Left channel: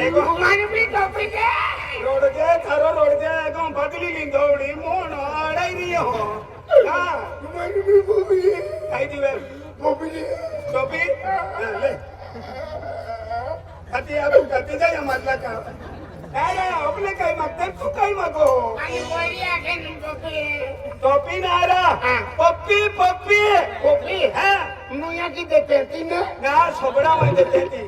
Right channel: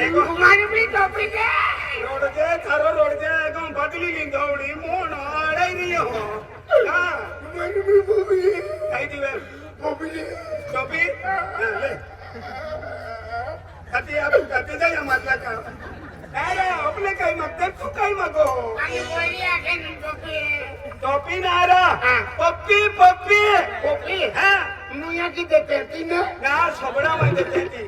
एगो माने भी टॉपिक है रोड दे थारो रोड दे एगो बदली ली दौड़ी मोन अड़ाई रही हो हां माने भी बोबी आई दिवे बोबी टोपी ले अति आप करते जाए हमारा काम अरे अपने कहीं मांगते तू कहीं मांगो पानी कोई आके टोपी टोपी ना रहा पप्पी पप्पी पप्पी हां मुया की देते थी ना सोबड़ा में देते थी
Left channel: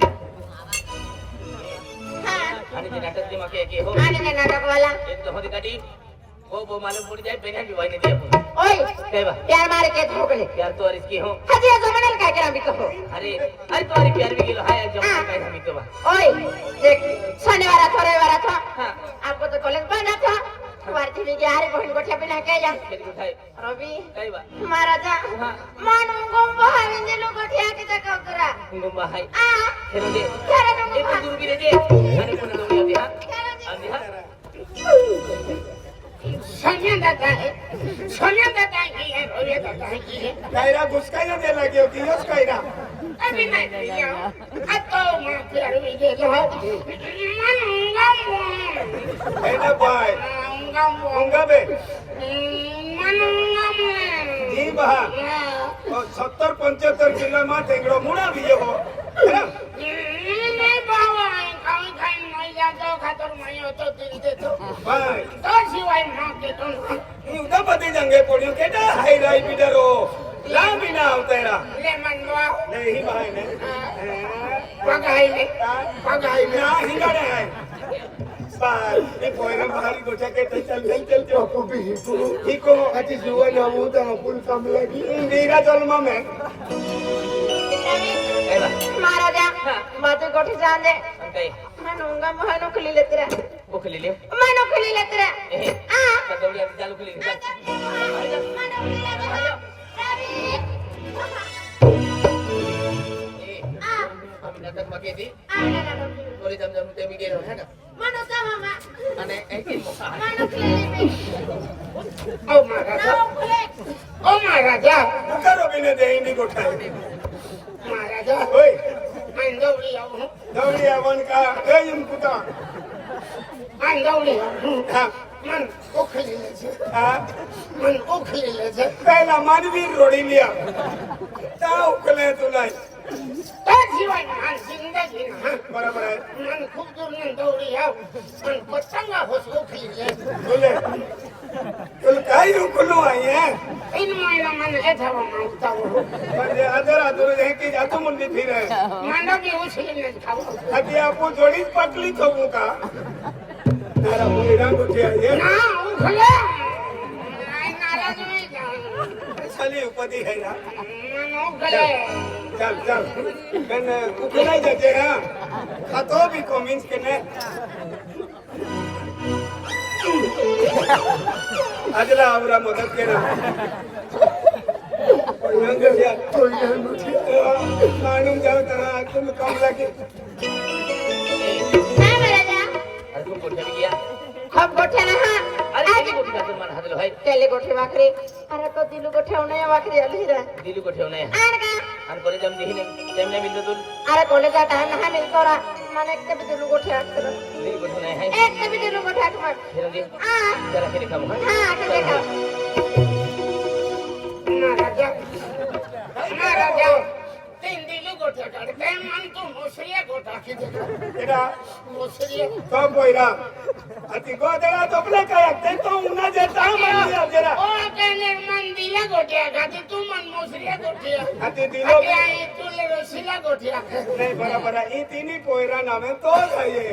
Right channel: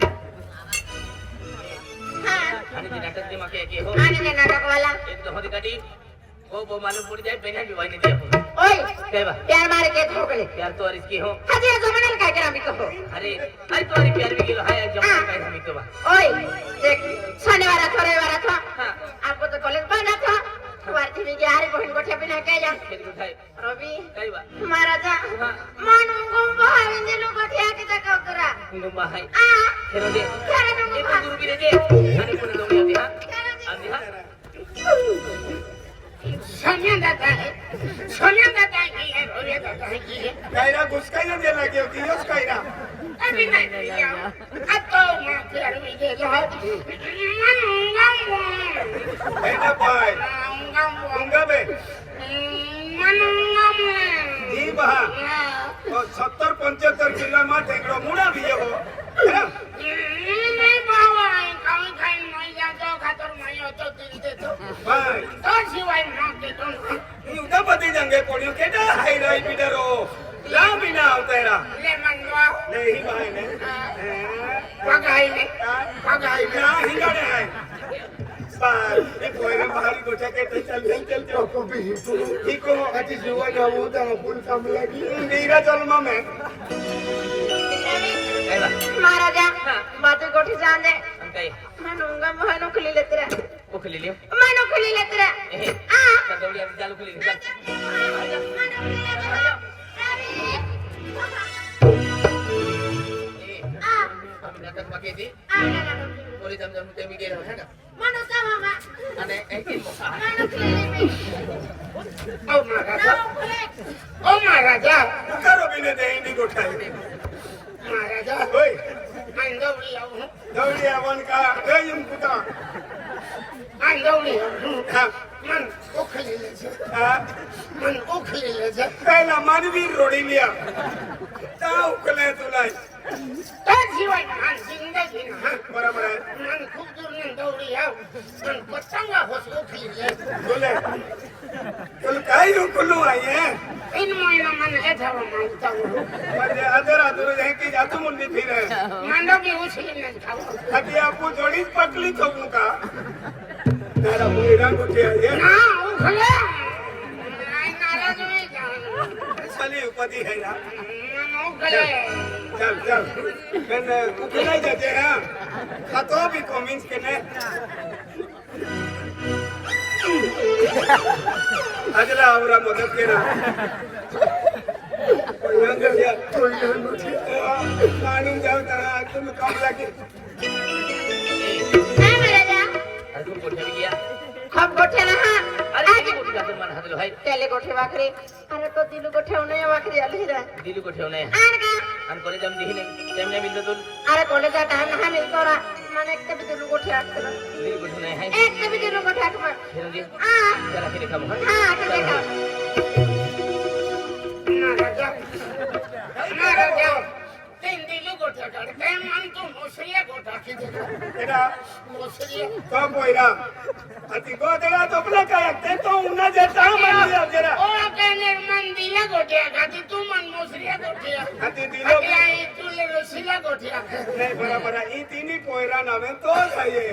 आणि ते नाटक दिमाग के हो आणि ते नाटक वाला एक तो होती काटी वो मालूम पड़ जाए बिना की वाई नहीं दे ओए कहवा प्यार मारे के ठोकले प्यार तो इसकी हो हजे जमानल काय करा मी कहो अरे अरे तुम्हारी प्यार भी किलो है जमा का हम तो ओए देख शनिवार था रविवार था हां आपको तो कॉलेज बंद था वारती में यार बहन गोठे बिना के जा खेल उठाए रवि कहवा महाराजा मानु गोंबो हविन दिलो गोठे आके तक करा गुम्बा है आ खेलो दे करे नो एक दूर भी दे अरे कोन दो आती हां आती हां सोनिया दादा है की है रोया दादा है की है कायरा गुस्काई ना दे लगी होती है कायरा अभी नहीं दिया अब तो मैं प्यार भी दे दो है ना भाई उंगा बे जी बहा और 70-75 किलो में टेंगड़ो मुड़ा भी हो नहीं बाबा खाई नहीं जातो खातर मैं तो दिल दे तो भाई तो शिवाय ना के तो उदा पते जंगे पोड़ियो केटा हाई राई बिडरो ला बिना तेरा ले मनवा ले ही भाई ने पगाई ने हिंगाड़े है बार ये पोरे बाहरी गोचा के चल जो को भी ही को अति जुआ जाऊ तो अपन काम लगी मेरा जन्म में महाराजा बात गोठी जाने अंते मनूंगा मोहनो खली लेते रहे वो खली ले मनो खली लेते रहे हां दौड़ी चालू खली हम नाटक में के थी बोले जम ते भी गेलो है ना मनो का मामा અને એકી મોકા मनो खली ले ओ महाराजा करो बिने दे इनी गोठाई महाराजा ओए मैं दौड़ी आवन का गयम कुता मैं दौड़ी हां मन ओखली ले छे हां मन ओखली ले छे पहला मानवीर रोड़ी लिया ता उकले तुलाई ता जीवन हां जिंदगी हां बराबर है मन खूब दूर में दौड़ी आओ मन पतंगा हो ओखली ले बोले तुल काई उकलो आई है इन महीना मन है था मांगता हूं पर अदर अदर है कि जातो मुंडी फिर है मांडा भी उछली नहीं खाओ अभी आपको जोड़ी पटली तो का तेरा मुंडा उठे है ना उखले नहीं नाराज नहीं जा चली उपदी है यार मन उखले चल कन उखले जाते हैं खातो भी को मींस कने अजला आवरा मदद केना मालूम जाओ तना तुम कम लगे हां महाराजा अजू गोठे भी गया खूब गोठे ना हां अरे की गोठी का मन हादलो है तेले गोठे वाखरे अरे तो दिलु गोठे उन्हें वाखरे अली रे दिलू गोठे नहीं आन का अन करे जम दिहिने तेमने मिल तो अरे कॉलेज का टाइम ना मिल कोरा माने एक भी दिलु गोठे आट कर दिल गोठे नहीं है एक भी दिलु गोठे आट मत फिर दे हां जरा के दिखाओ हां के देखो महाराजा तीन दिलु गोठे काटते मन तो मुसरिया गोठा की देखो एडा मुसरिया तो बोइरा अति गोदरा तो अपने कायते तो उना देता मन दिया जरा ओ कहने मन दिला गोठे काटी तू मन मुसरिया गोठे अति दिलो आई तू ले रसिला गोठे नहीं बराबर ई तीनी पोइरा नामे तो जाइए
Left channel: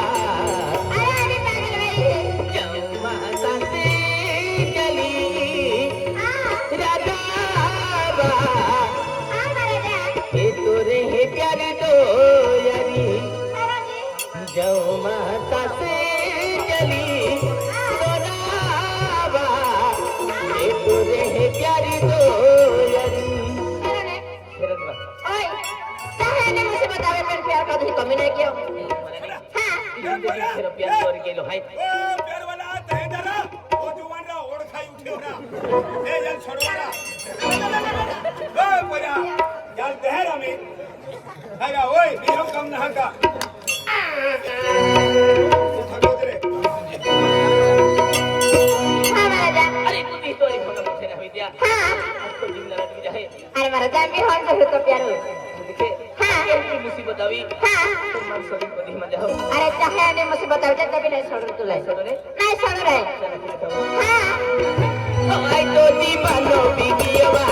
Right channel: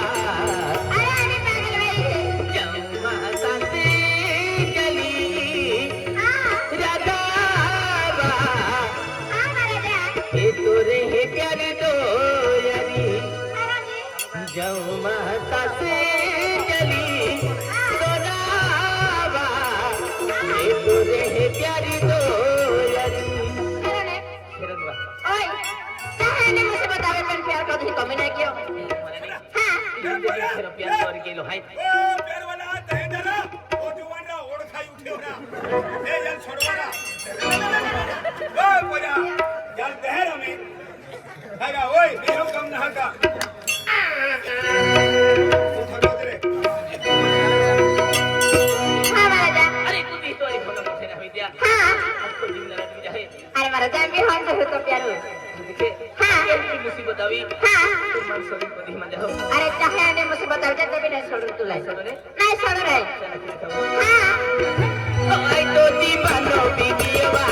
अरे पागल भाई बतावे पर प्यार का भी कमी नहीं किया तेरा प्यार कर गेलो हाय ओ प्यारवाला दे जरा ओ जुवानरा ओळखाई उठेवरा ए जल छोडवाला ओ पोया जल देहरा में हागा ओय बिहम कम ना का थगोदरे हाँ महाराजा अरे तू भी तोरी फोटो मुझे ना होई दिया हाँ आपको दिन लगा दी जाए अरे महाराजा भी हम तो प्यार हो देखे हाँ ये मुसीबत आई हाँ तो मन सभी को दी मन जाओ अरे चाहे आने मुसीबत आ जाए कभी नहीं छोड़ तू लाई चलो रे नहीं छोड़ रहे चला के हाँ आई तो दीवानो बिगियावा